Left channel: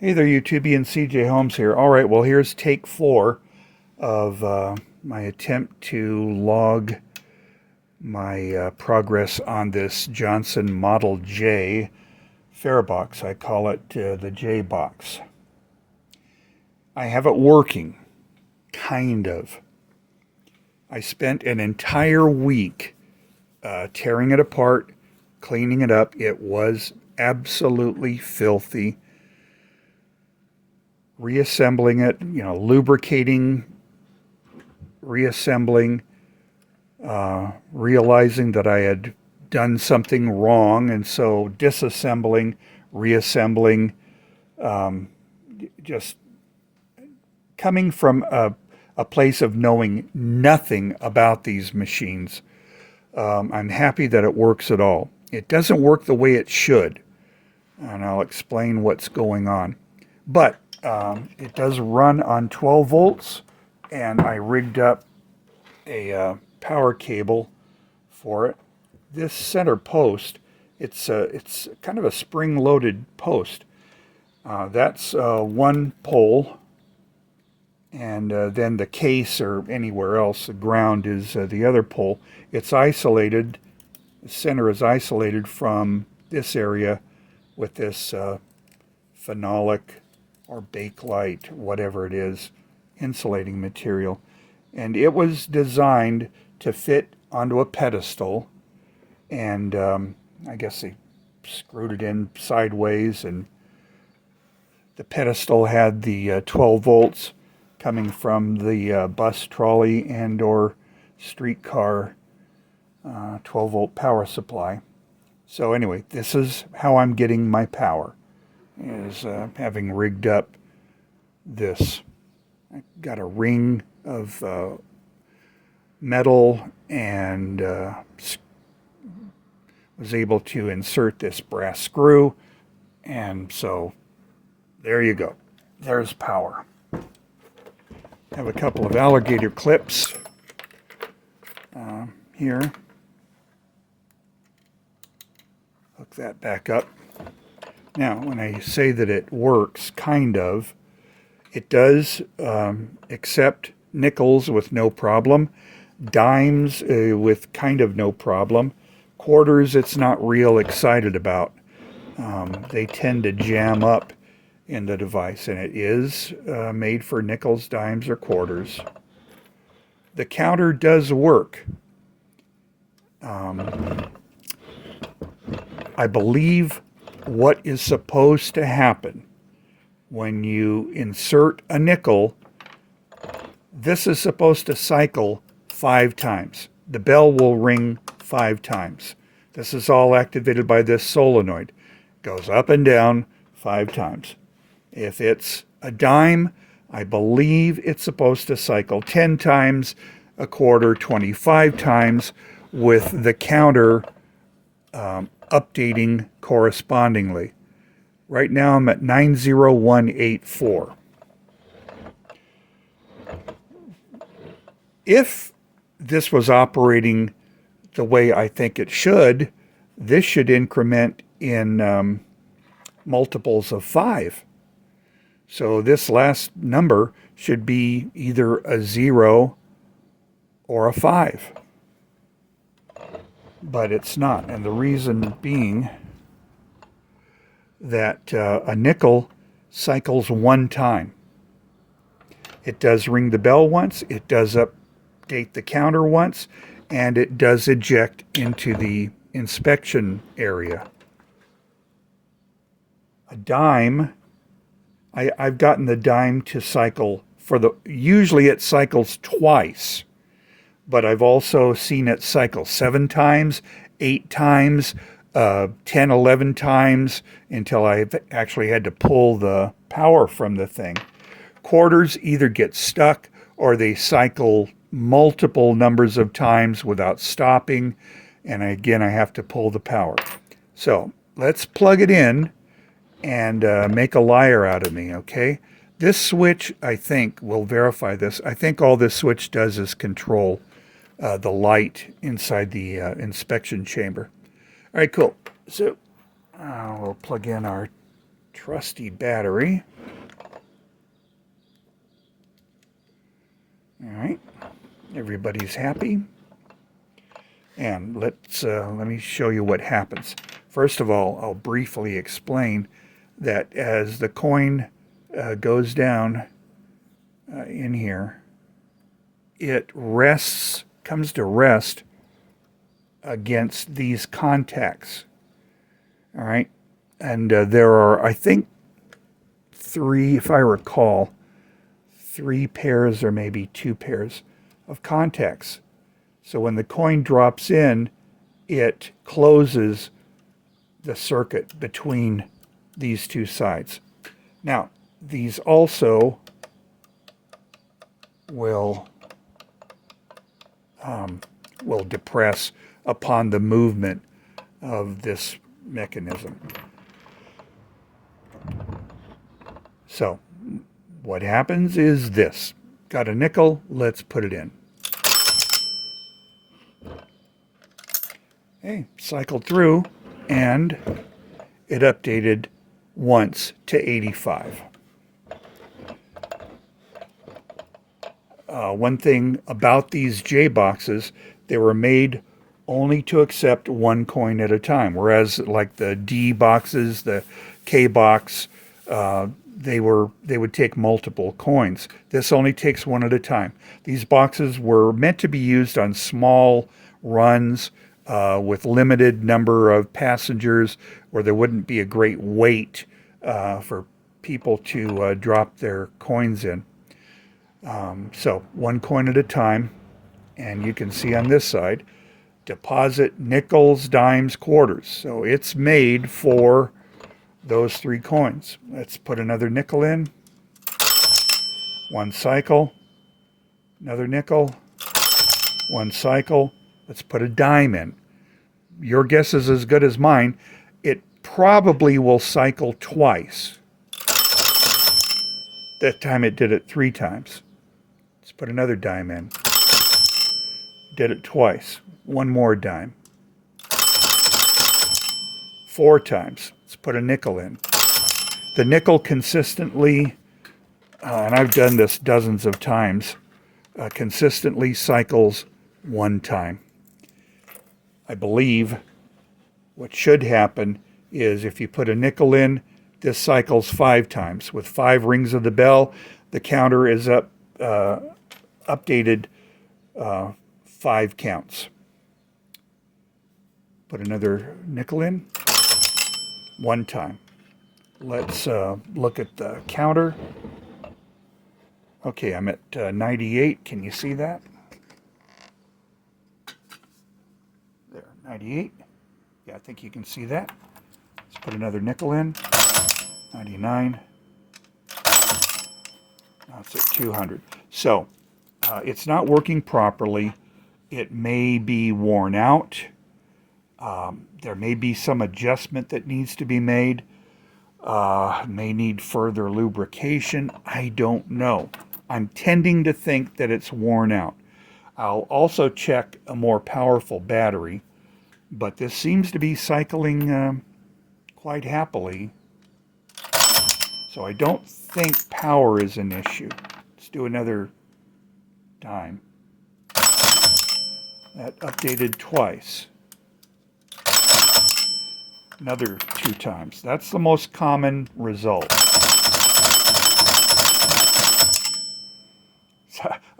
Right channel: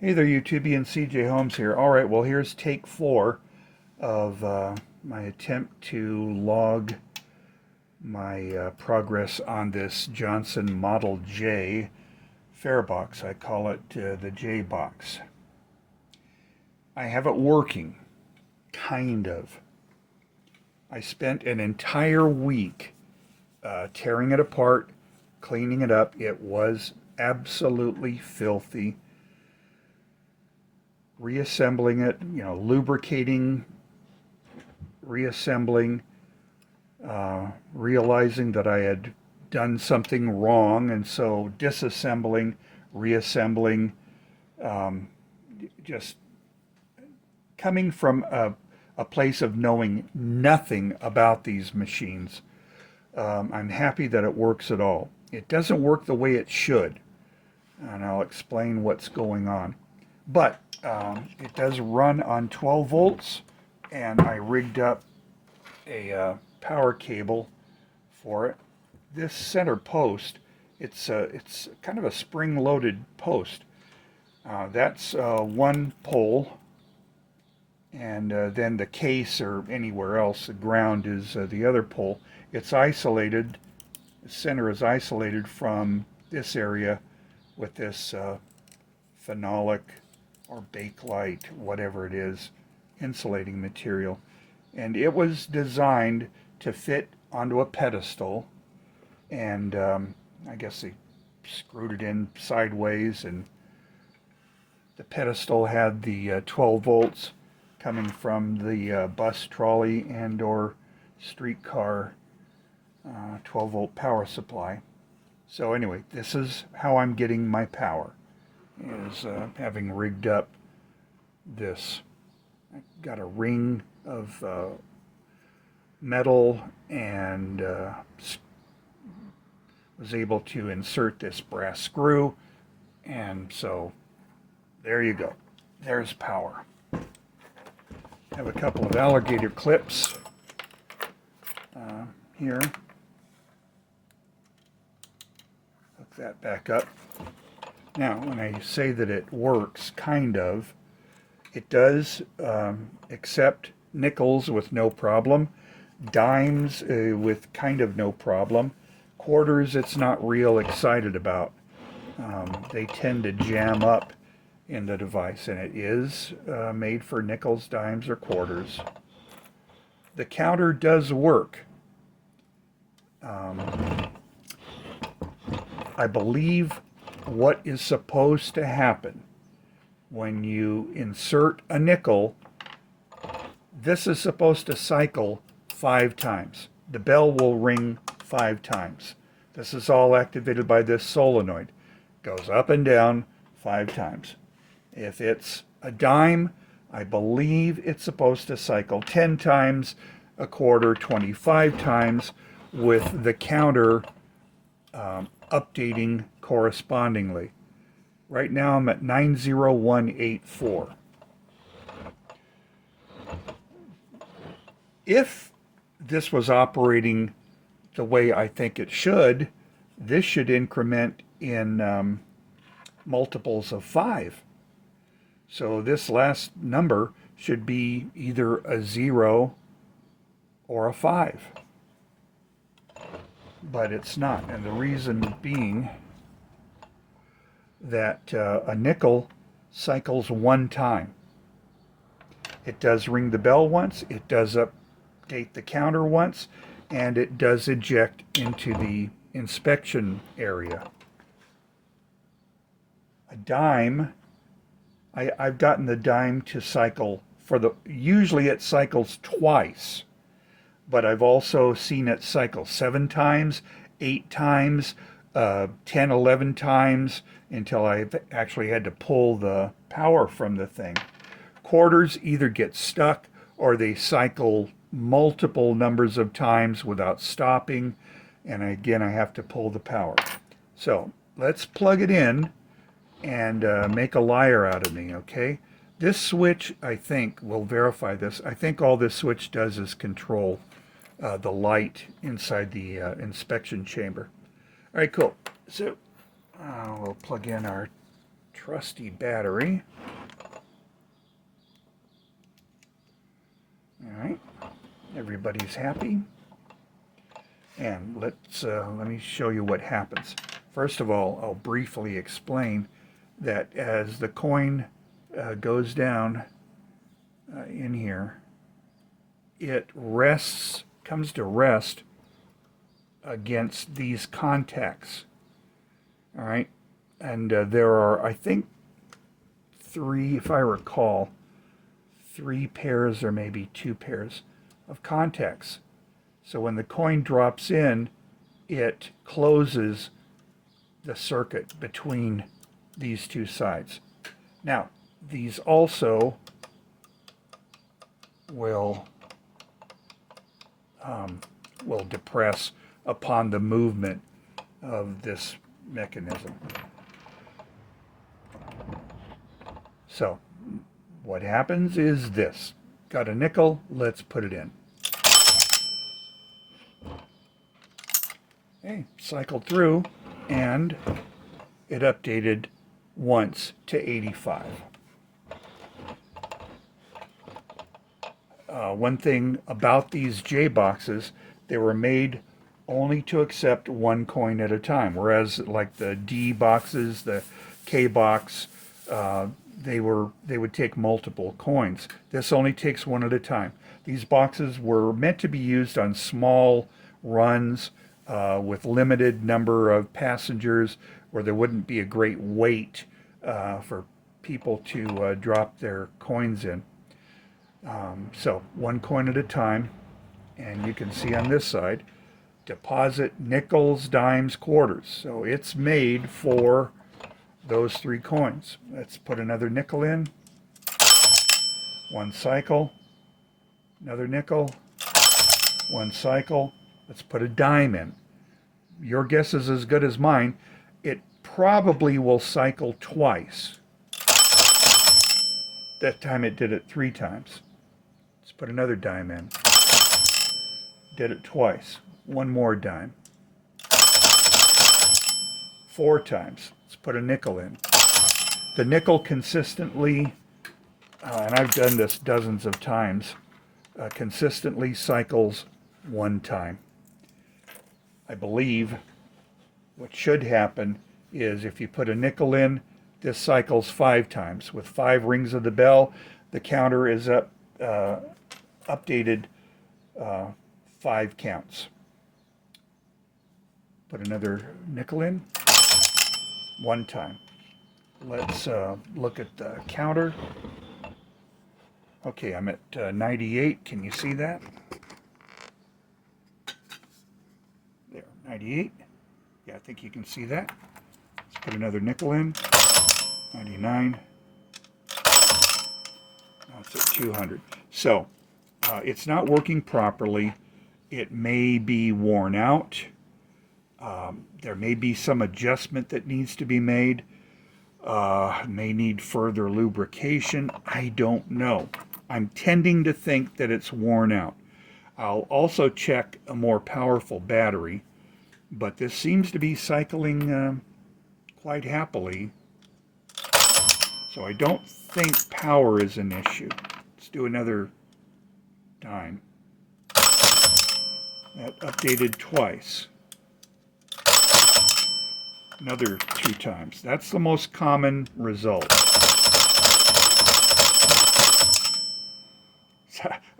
Hey there, YouTubian. CJ Holmes here. All right, well, here's take 4 of my attempt to log my progress on this Johnson Model J Farebox. I call it the J box. I have it working, kind of. I spent an entire week tearing it apart, cleaning it up. It was absolutely filthy. Reassembling it, lubricating, reassembling, realizing that I had done something wrong, and so disassembling, reassembling, just coming from a place of knowing nothing about these machines. I'm happy that it works at all. It doesn't work the way it should, and I'll explain what's going on. But it does run on 12 volts, and I rigged up a power cable for it. This center post, it's kind of a spring-loaded post. That's one pole, and then the case or anywhere else, the ground is the other pole. It's isolated. The center is isolated from this area with this phenolic or Bakelite, whatever it is, insulating material. And it was designed to fit onto a pedestal, and I guess they screwed it in sideways, and the pedestal had the 12 volts coming from the bus, trolley, and or streetcar 12 volt power supply. So anyway, this is how I'm getting my power, is having rigged up this. I got a ring of metal and was able to insert this brass screw, and so there you go. There's power. I have a couple of alligator clips here. Hook that back up. Now, when I say that it works, kind of, it does accept nickels with no problem, dimes with kind of no problem, quarters it's not real excited about. They tend to jam up in the device, and it is made for nickels, dimes, or quarters. The counter does work. I believe what is supposed to happen when you insert a nickel, this is supposed to cycle 5 times. The bell will ring 5 times. This is all activated by this solenoid. Goes up and down 5 times. If it's a dime, I believe it's supposed to cycle 10 times, a quarter 25 times, with the counter updating correspondingly. Right now I'm at 90184. If this was operating the way I think it should, this should increment in multiples of 5. So this last number should be either a 0 or a 5. But it's not, and the reason being that a nickel cycles 1 time. It does ring the bell once, it does update the counter once, and it does eject into the inspection area. A dime, I've gotten the dime to cycle usually it cycles twice, but I've also seen it cycle 7 times, 8 times, 10, 11 times, until I've actually had to pull the power from the thing. Quarters either get stuck or they cycle multiple numbers of times without stopping, and again I have to pull the power. So let's plug it in and make a liar out of me, okay? This switch, I think, will verify this. I think all this switch does is control the light inside the inspection chamber. All right, cool. So we'll plug in our trusty battery. All right, everybody's happy. And let me show you what happens. First of all, I'll briefly explain that as the coin goes down in here, it comes to rest against these contacts. All right, and there are, I think, three, if I recall, 3 pairs or maybe 2 pairs of contacts. So when the coin drops in, it closes the circuit between these 2 sides. Now, these also will depress upon the movement of this mechanism. So what happens is this. Got a nickel, let's put it in. Okay, cycled through, and it updated once to 85. One thing about these J boxes, they were made only to accept 1 coin at a time, whereas like the D boxes, the K box, they would take multiple coins. This only takes 1 at a time. These boxes were meant to be used on small runs with limited number of passengers, where there wouldn't be a great weight for people to drop their coins in. So 1 coin at a time, and you can see on this side, deposit nickels, dimes, quarters. So it's made for those 3 coins. Let's put another nickel in. 1 cycle, another nickel, 1 cycle. Let's put a dime in. Your guess is as good as mine. It probably will cycle twice. That time it did it 3 times. Let's put another dime in. Did it twice. 1 more dime. 4 times. Let's put a nickel in. The nickel consistently, and I've done this dozens of times, consistently cycles 1 time. I believe what should happen is if you put a nickel in, this cycles 5 times. With 5 rings of the bell, the counter is updated 5 counts. Put another nickel in, 1 time. Let's look at the counter. Okay, I'm at 98. Can you see that? There, 98. Yeah, I think you can see that. Let's put another nickel in. 99. Now it's at 200. So, it's not working properly. It may be worn out. There may be some adjustment that needs to be made. May need further lubrication. I don't know. I'm tending to think that it's worn out. I'll also check a more powerful battery, but this seems to be cycling quite happily. So I don't think power is an issue. Let's do another dime. That updated twice. Another 2 times. That's the most common result.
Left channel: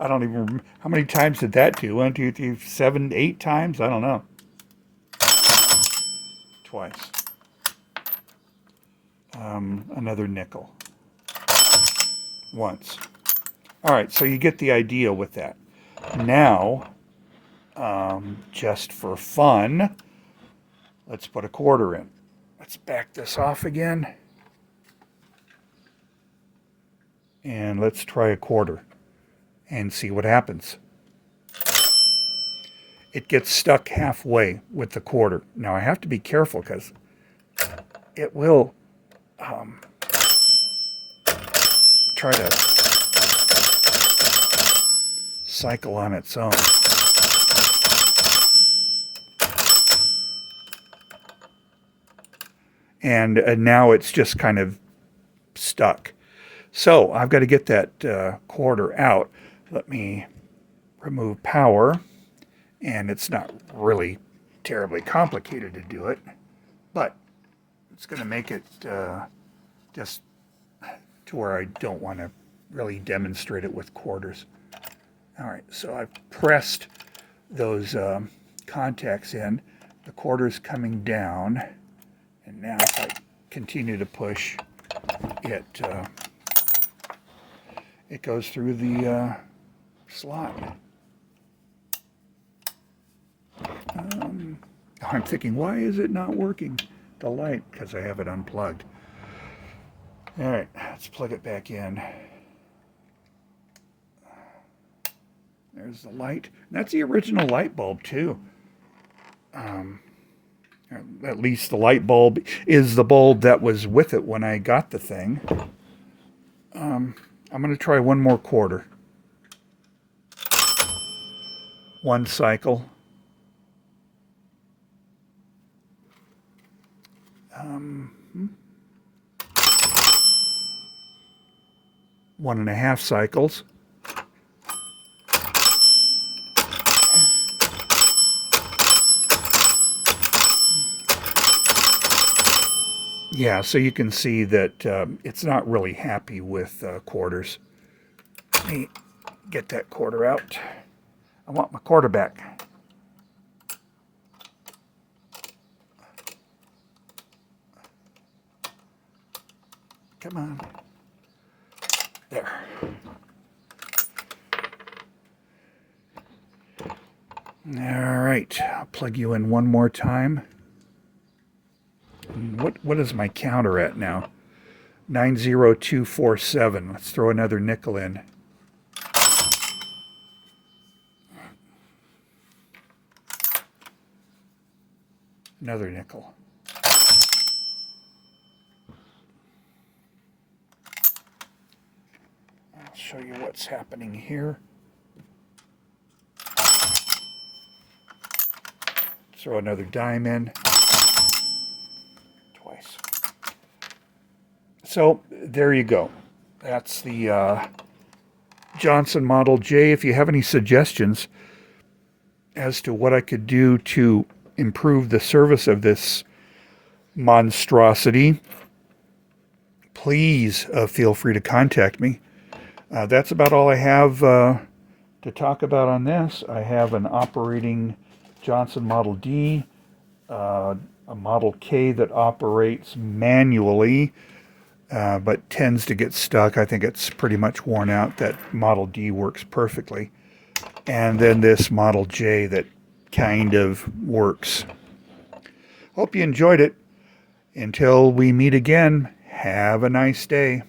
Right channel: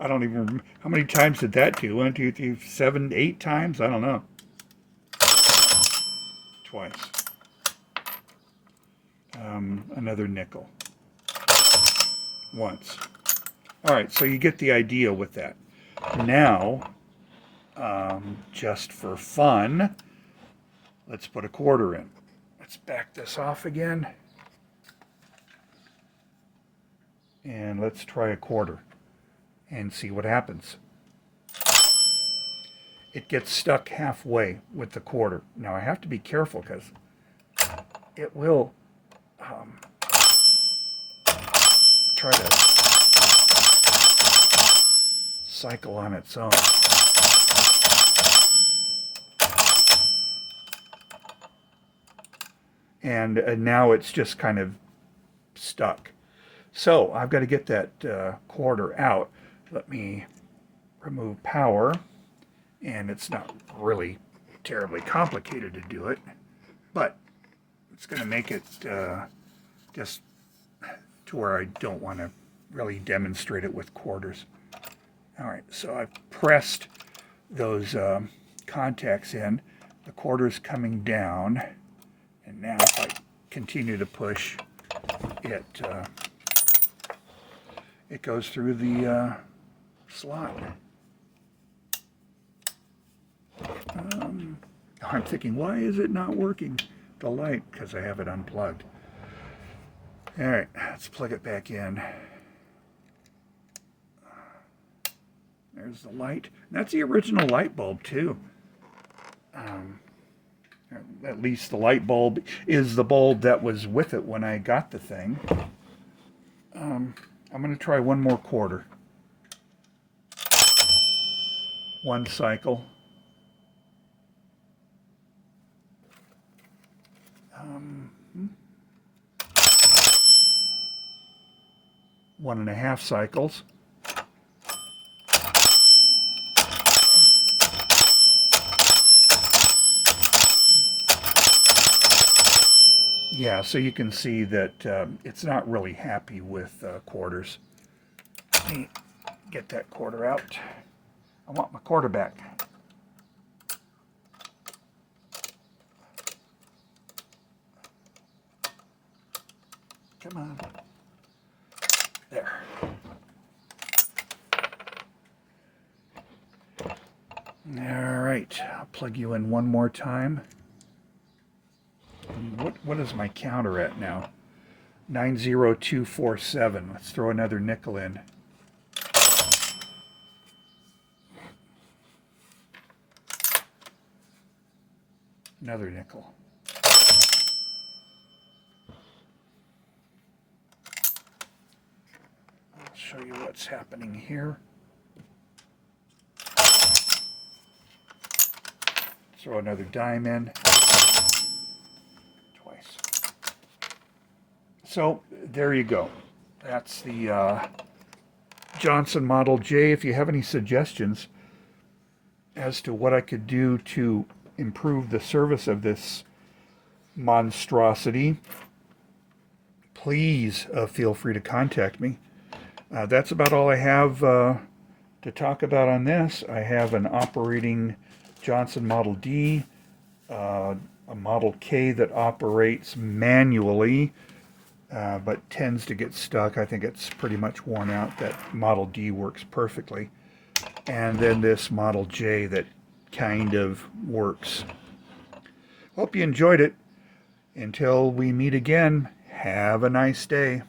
I don't even remember. How many times did that do? 1, 2, 3, 7, 8 times? I don't know. Twice. Another nickel. Once. All right, so you get the idea with that. Now, just for fun, let's put a quarter in. Let's back this off again. And let's try a quarter and see what happens. It gets stuck halfway with the quarter. Now I have to be careful because it will try to cycle on its own. And now it's just kind of stuck. So I've got to get that quarter out. Let me remove power, and it's not really terribly complicated to do it, but it's going to make it just to where I don't want to really demonstrate it with quarters. All right, so I've pressed those contacts in. The quarter's coming down, and now if I continue to push, it goes through the slot. I'm thinking, why is it not working? The light, because I have it unplugged. All right, let's plug it back in. There's the light. That's the original light bulb, too. At least the light bulb is the bulb that was with it when I got the thing. I'm going to try one more quarter. One cycle. 1.5 cycles. Yeah, so you can see that it's not really happy with quarters. Let me get that quarter out. I want my quarter back. Come on. There. All right, I'll plug you in one more time. What is my counter at now? 90247. Let's throw another nickel in. Another nickel. I'll show you what's happening here. Throw another dime in. Twice. So there you go. That's the Johnson Model J. If you have any suggestions as to what I could do to improve the service of this monstrosity, please feel free to contact me. That's about all I have to talk about on this. I have an operating Johnson Model D, a Model K that operates manually, but tends to get stuck. I think it's pretty much worn out. That Model D works perfectly. And then this Model J that kind of works. Hope you enjoyed it. Until we meet again, have a nice day.